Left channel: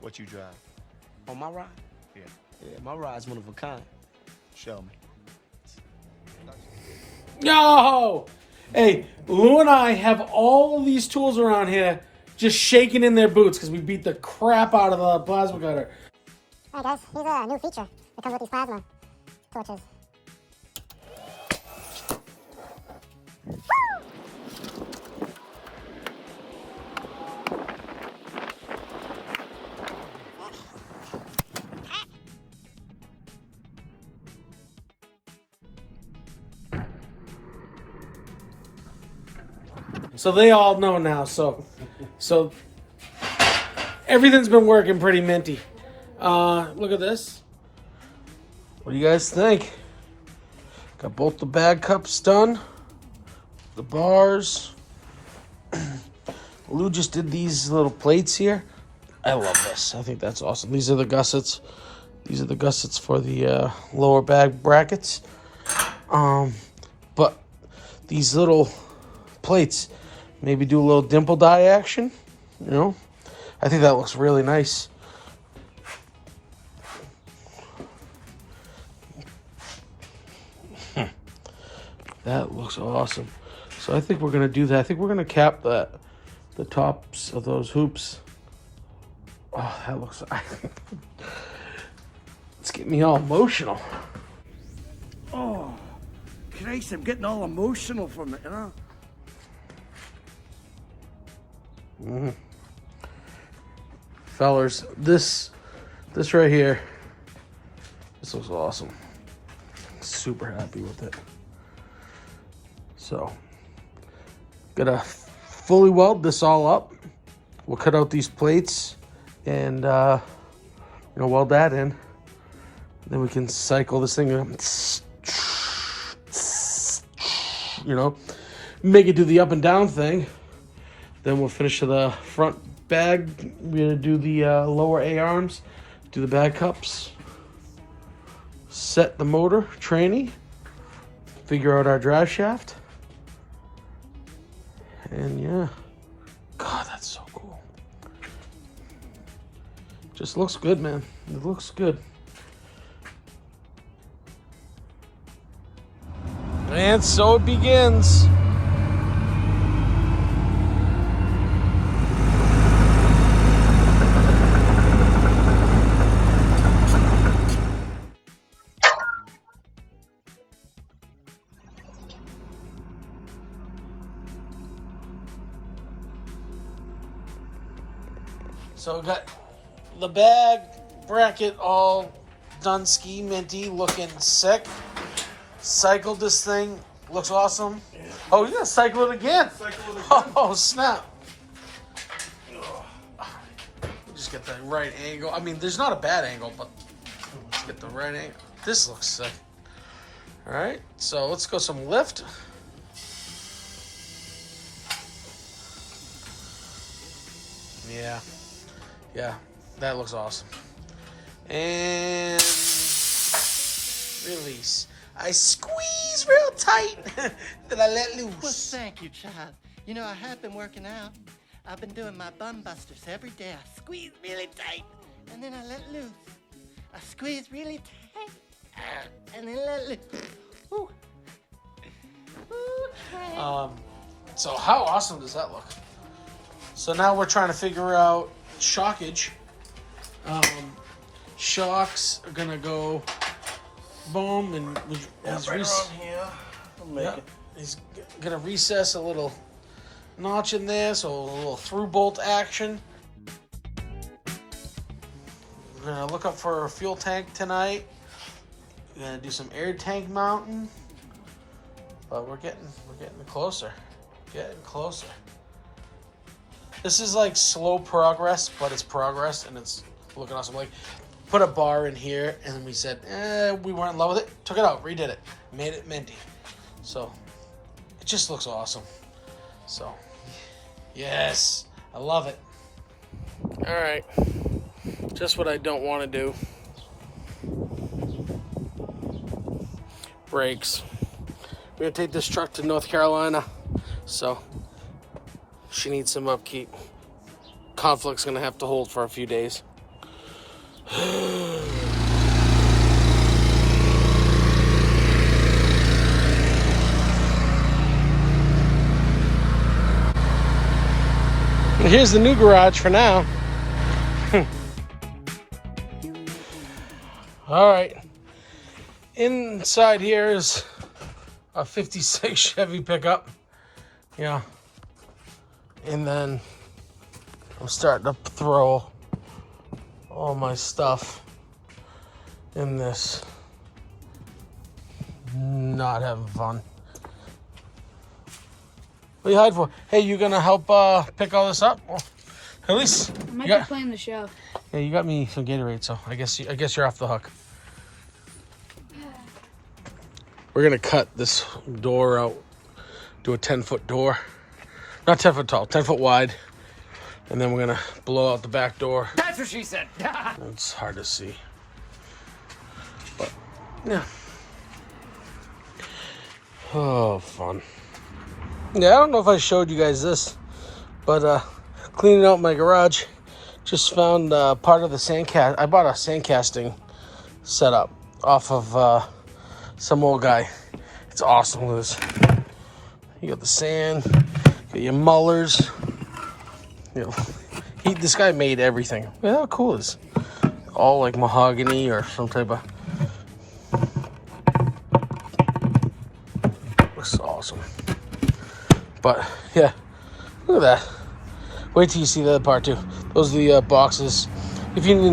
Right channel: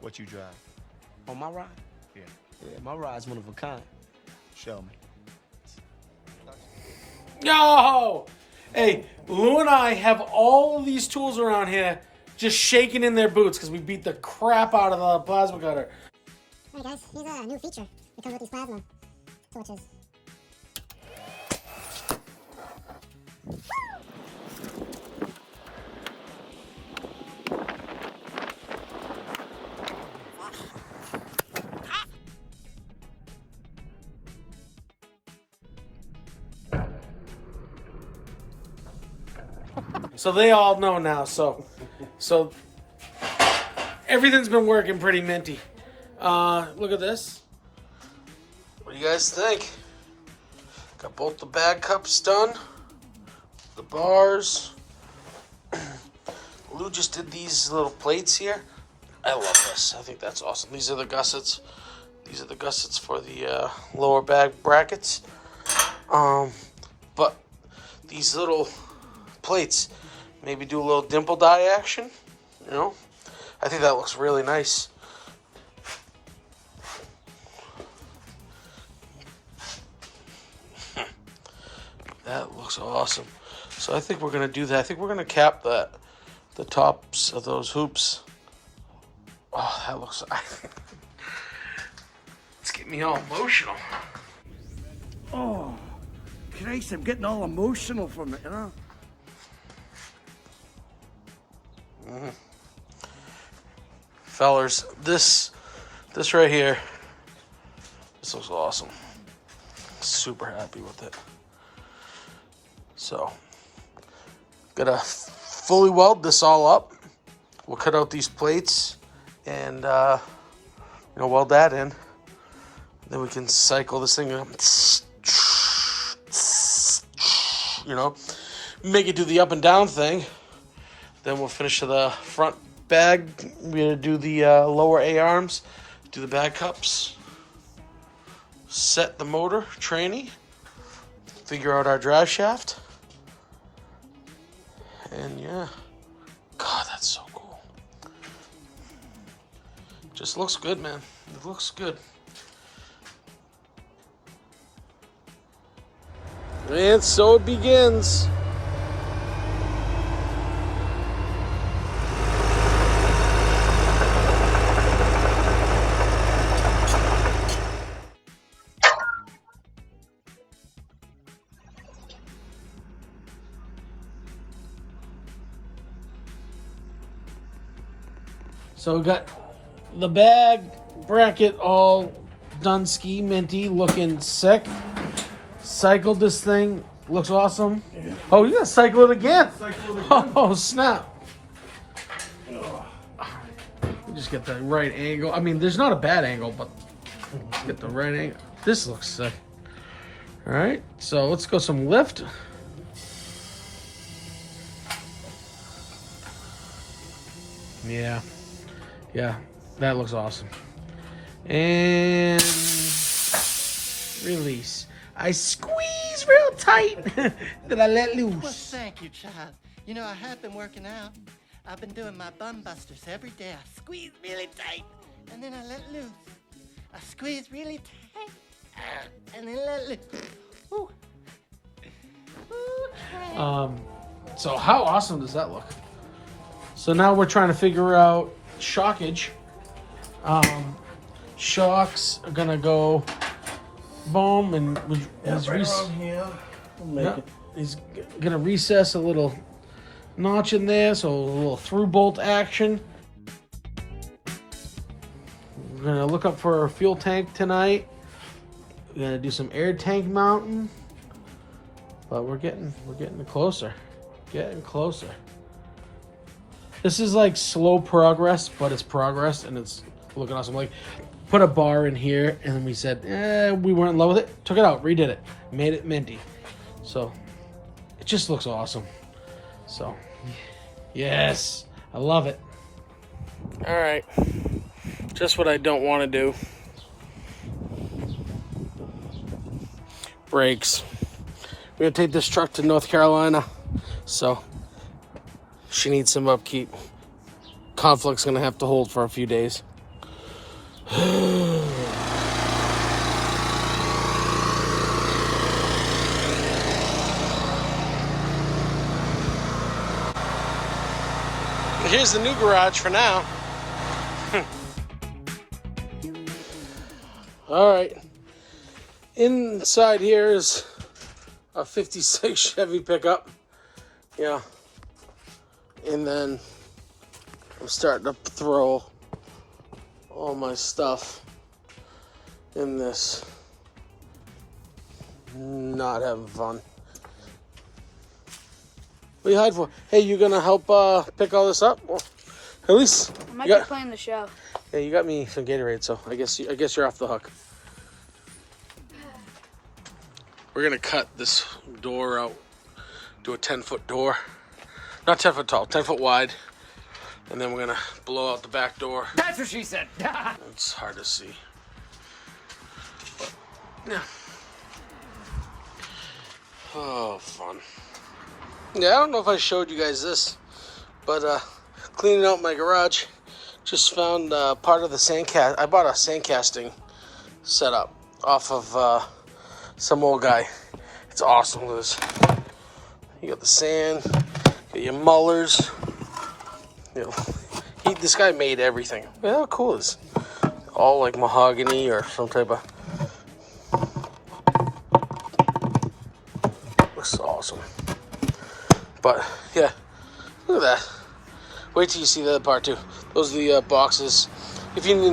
What you drive? On my ride? Yeah. Yeah, my ride's one of a kind. Show me. Yo! Hey, Lou and I have all these tools around here just shaking in their boots because we beat the crap out of the plasma cutter. All right, guys, here's a new feature that comes with these plasma torches. So they all know now. So everything's been working pretty minty. Look at this. What do you guys think? Got both the bag cups done. The bars. Lou just did these little plates here. I love this. I think that's awesome. These are the gussets. These are the gussets for the lower bag brackets. But these little plates, maybe do a little dimple die action. You know, I think that looks really nice. That looks awesome. So I think we're gonna do that. I think we're gonna cap the tops of those hoops. Oh, that looks. It's getting me all emotional. Oh, Christ, I'm getting all emotional from it, you know? Fellers, this right here, this looks awesome. Super happy with it. So, gotta fully weld this all up. We'll cut out these plates and weld that in. Then we can cycle this thing, make it do the up and down thing. Then we'll finish to the front bag. We're gonna do the lower A arms, do the bag cups, set the motor, tranny, figure out our drive shaft. And yeah, God, that's so cool. Just looks good, man. It looks good. And so it begins. So we got the bag bracket all done, ski minty, looking sick. Cycled this thing, looks awesome. Yeah. Oh, you gotta cycle it again. Oh, snap. Just get the right angle. I mean, there's not a bad angle, but let's get the right angle. This looks sick. All right, so let's go some lift. Yeah, that looks awesome. And release. I squeeze real tight. Then I let loose. Well, thank you, child. You know, I have been working out. I've been doing my bum busters every day. I squeeze really tight, and then I let loose. I squeeze really tight, and then let loose. Ooh. Okay. So how awesome does that look? So now we're trying to figure out shockage. Shocks are gonna go boom, and he's gonna recess a little notch in there, so a little through bolt action. We're gonna look up for a fuel tank tonight. We're gonna do some air tank mounting, but we're getting closer, getting closer. This is like slow progress, but it's progress, and it's looking awesome. Like, put a bar in here, and we said, we weren't in love with it. Took it out, redid it, made it minty. So, it just looks awesome. So, yes, I love it. All right, just what I don't want to do. Brakes. We're gonna take this truck to North Carolina, so she needs some upkeep. Conflict's gonna have to hold for a few days. Here's the new garage for now. All right. Inside here is a 56 Chevy pickup. Yeah. And then I'm starting to throw all my stuff in this. Not having fun. What are you hiding for? Hey, you gonna help pick all this up? Well, at least I might be playing the show. Hey, you got me some Gatorade, so I guess you're off the hook. We're gonna cut this door out, do a 10-foot door, not 10 foot tall, 10 foot wide, and then we're gonna blow out the back door. That's what she said. It's hard to see, but yeah. Oh, fun. Yeah, I don't know if I showed you guys this, but cleaning out my garage, just found part of the sandcast. I bought a sandcasting setup off of some old guy. It's awesome. Look at this. You got the sand, got your mullers. You know, this guy made everything. Look how cool it is. All like mahogany or some type of. Looks awesome. But yeah, look at that. Wait till you see the other part too. Those are the boxes. If you know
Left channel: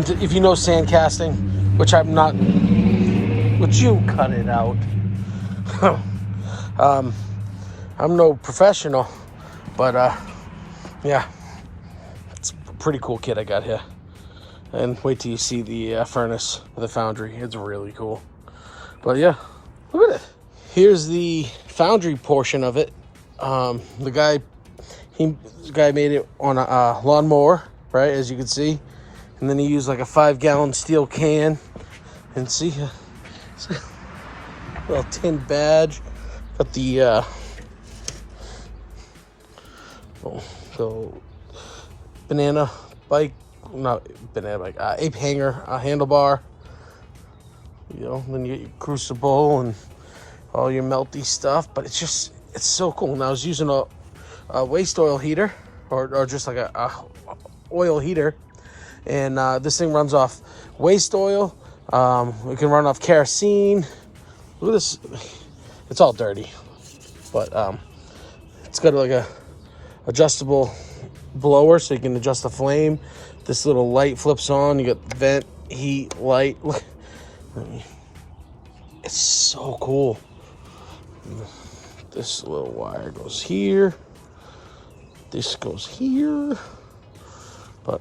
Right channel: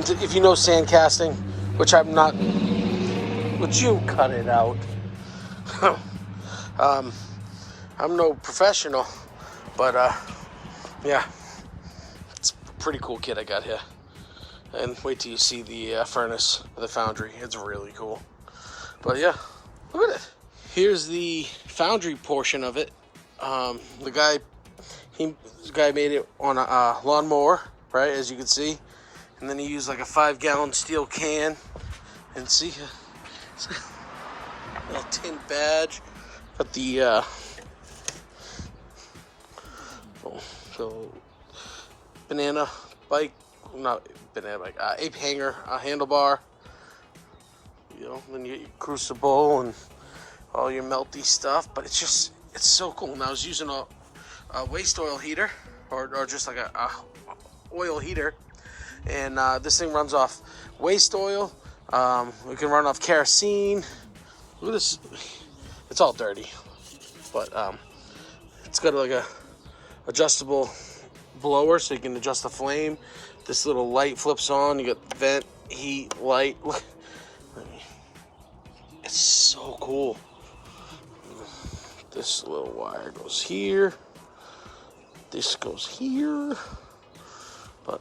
sandcasting, which I'm not, but you cut it out. I'm no professional, but yeah, it's a pretty cool kit I got here. And wait till you see the furnace of the foundry. It's really cool. But yeah, look at it. Here's the foundry portion of it. The guy made it on a lawnmower, right, as you can see, and then he used like a 5-gallon steel can, and see, it's a little tin badge. Got the banana bike, not banana bike, ape hanger, handlebar. You know, then you get your crucible and all your melty stuff, but it's so cool. And I was using a waste oil heater, or just like a oil heater, and this thing runs off waste oil. We can run off kerosene. Look at this. It's all dirty, but it's got like a adjustable blower, so you can adjust the flame. This little light flips on. You got vent, heat, light. Look, it's so cool. This little wire goes here. This goes here. But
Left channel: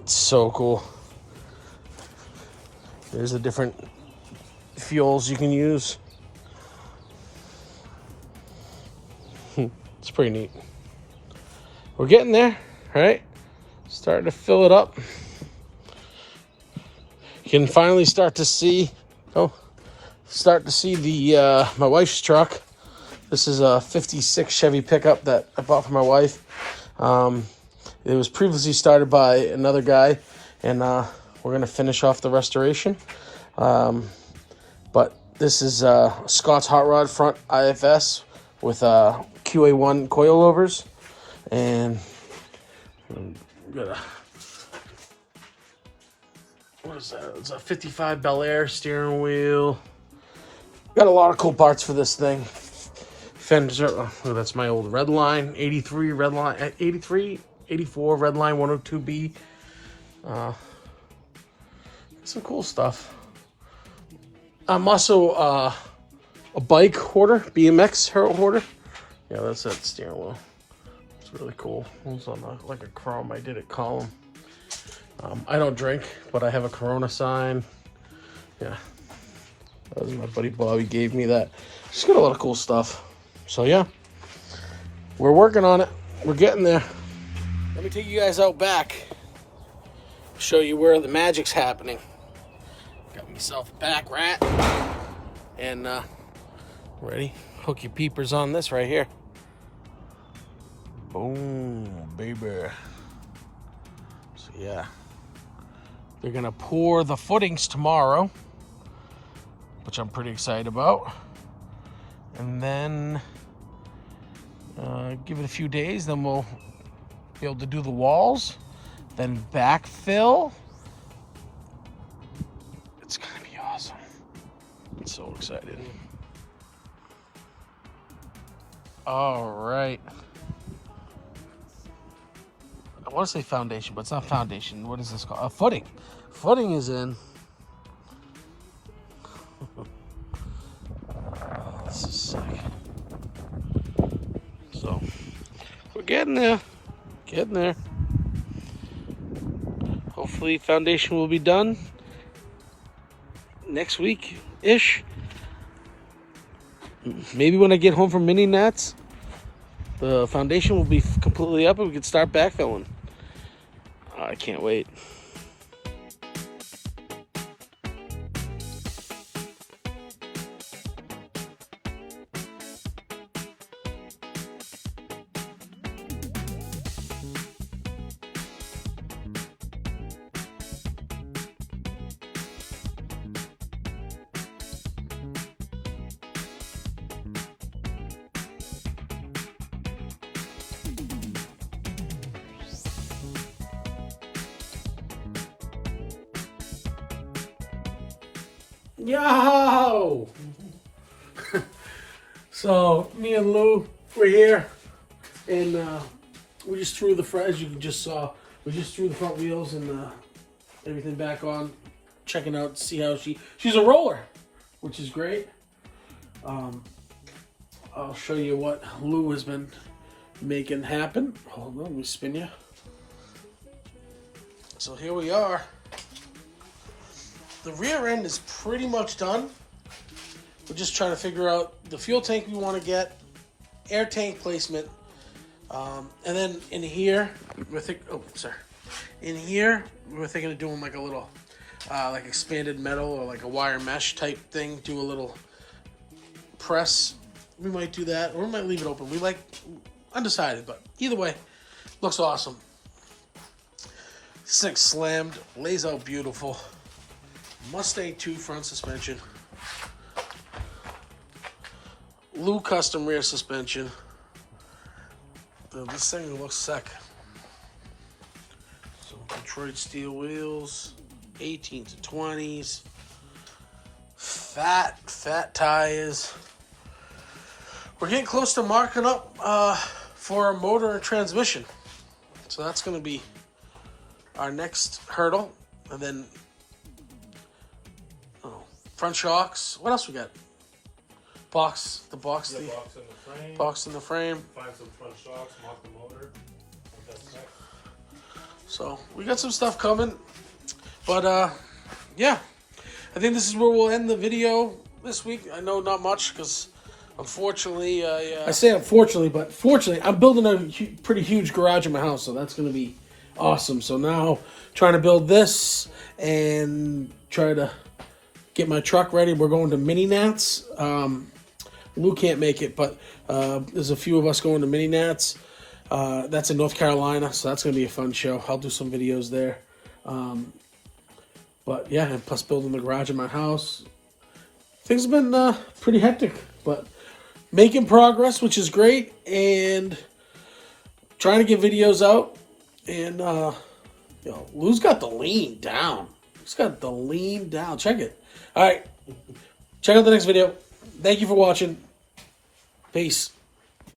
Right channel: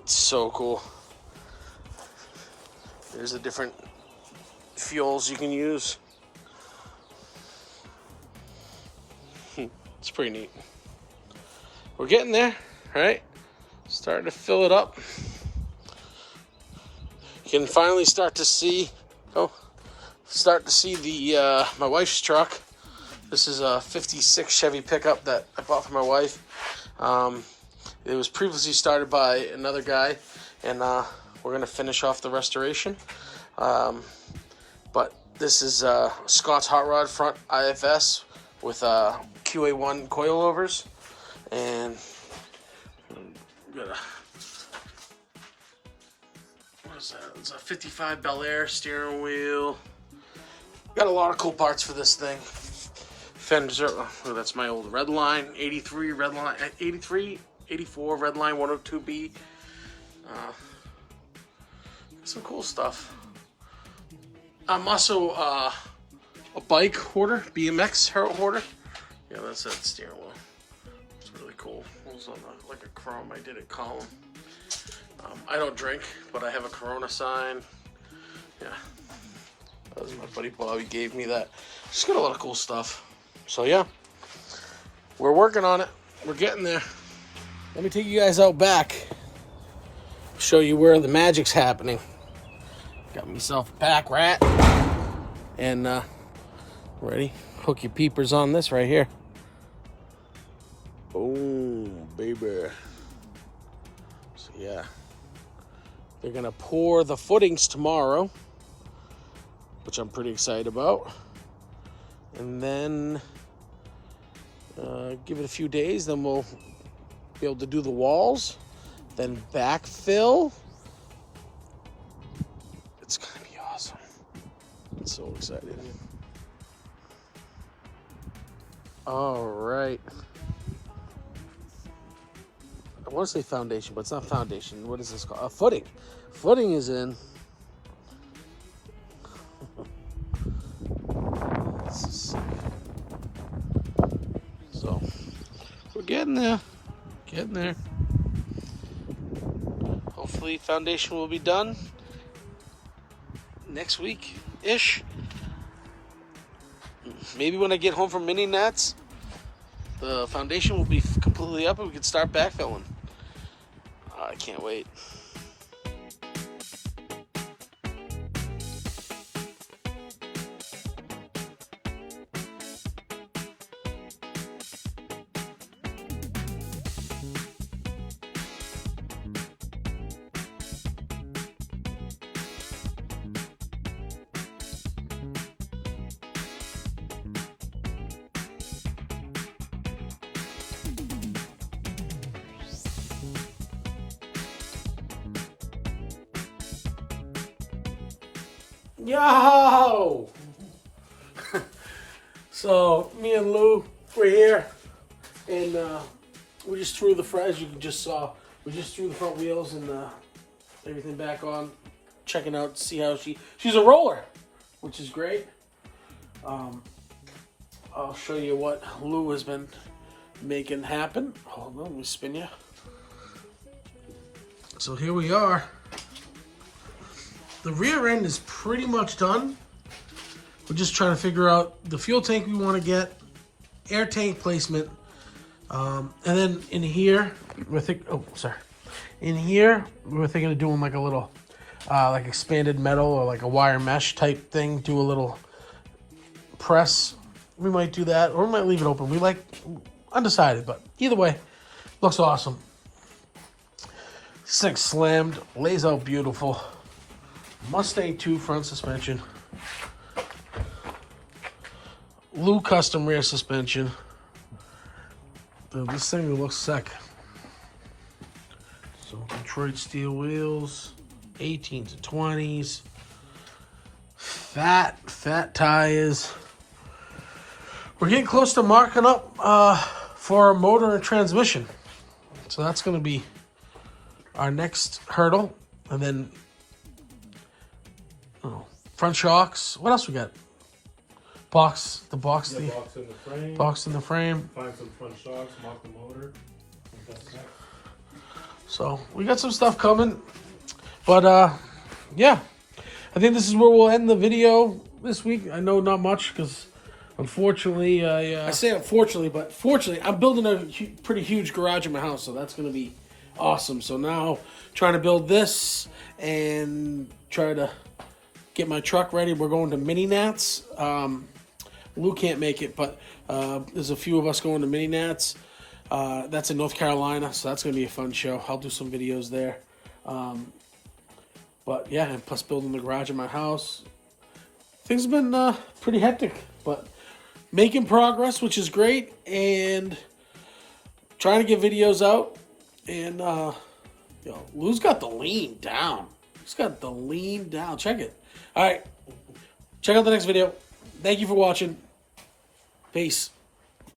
it's so cool. There's the different fuels you can use. It's pretty neat. We're getting there, right? Starting to fill it up. You can finally start to see the my wife's truck. This is a 56 Chevy pickup that I bought for my wife. It was previously started by another guy, and we're gonna finish off the restoration. But this is Scott's Hot Rod front IFS with QA1 coilovers, and what is that? It's a 55 Bel Air steering wheel. Got a lot of cool parts for this thing. Fender, oh, that's my old Redline 83 Redline 83 84 Redline 102B. Some cool stuff. I'm also a bike hoarder, BMX hoarder. Yeah, that's that steering wheel. It's really cool. It was on like a chrome. I did it column. I don't drink, but I have a Corona sign. Yeah, that was my buddy Bobby gave me that. Just got a lot of cool stuff. So yeah, we're working on it. We're getting there. Let me take you guys out back. Show you where the magic's happening. Got myself a pack rat. And ready? Hook your peepers on this right here. Boom, baby. So yeah, They're going to pour the footings tomorrow, which I'm pretty excited about. And then give it a few days, then we'll be able to do the walls, then backfill. It's going to be awesome. I'm so excited. All right. I want to say foundation, but it's not foundation. What is this called? A footing. Footing is in. This is sick. So, we're getting there. Getting there. Hopefully, foundation will be done next week-ish. Maybe when I get home from mini nats, the foundation will be completely up and we can start backfilling. I can't wait. Yo! So me and Lou were here, and we just threw the front, as you just saw, we just threw the front wheels and everything back on, checking out to see how she's a roller, which is great. I'll show you what Lou has been making happen. Hold on, let me spin you. So here we are. The rear end is pretty much done. We're just trying to figure out the fuel tank we want to get, air tank placement, and then in here, we're thinking, in here, we're thinking of doing like a little, like expanded metal or like a wire mesh type thing, do a little press. We might do that, or we might leave it open. We like, undecided, but either way, looks awesome. This thing's slammed, lays out beautiful. Mustang 2 front suspension. Lou custom rear suspension. This thing looks sick. So Detroit steel wheels, 18 to 20s. Fat tires. We're getting close to marking up for our motor and transmission. So that's going to be our next hurdle. And then front shocks. What else we got? Box in the frame. Box in the frame. Find some front shocks, mark the motor. So we got some stuff coming. But yeah. I think this is where we'll end the video this week. I know not much because unfortunately I say unfortunately, but fortunately I'm building a pretty huge garage in my house, so that's going to be awesome. So now trying to build this and try to get my truck ready. We're going to mini nats. Lou can't make it, but there's a few of us going to mini nats. That's in North Carolina, so that's going to be a fun show. I'll do some videos there. But yeah, and plus building the garage in my house. Things have been pretty hectic, but making progress, which is great, and trying to get videos out. And Lou's got the lean down. He's got the lean down. Check it. All right. Check out the next video. Thank you for watching. Peace.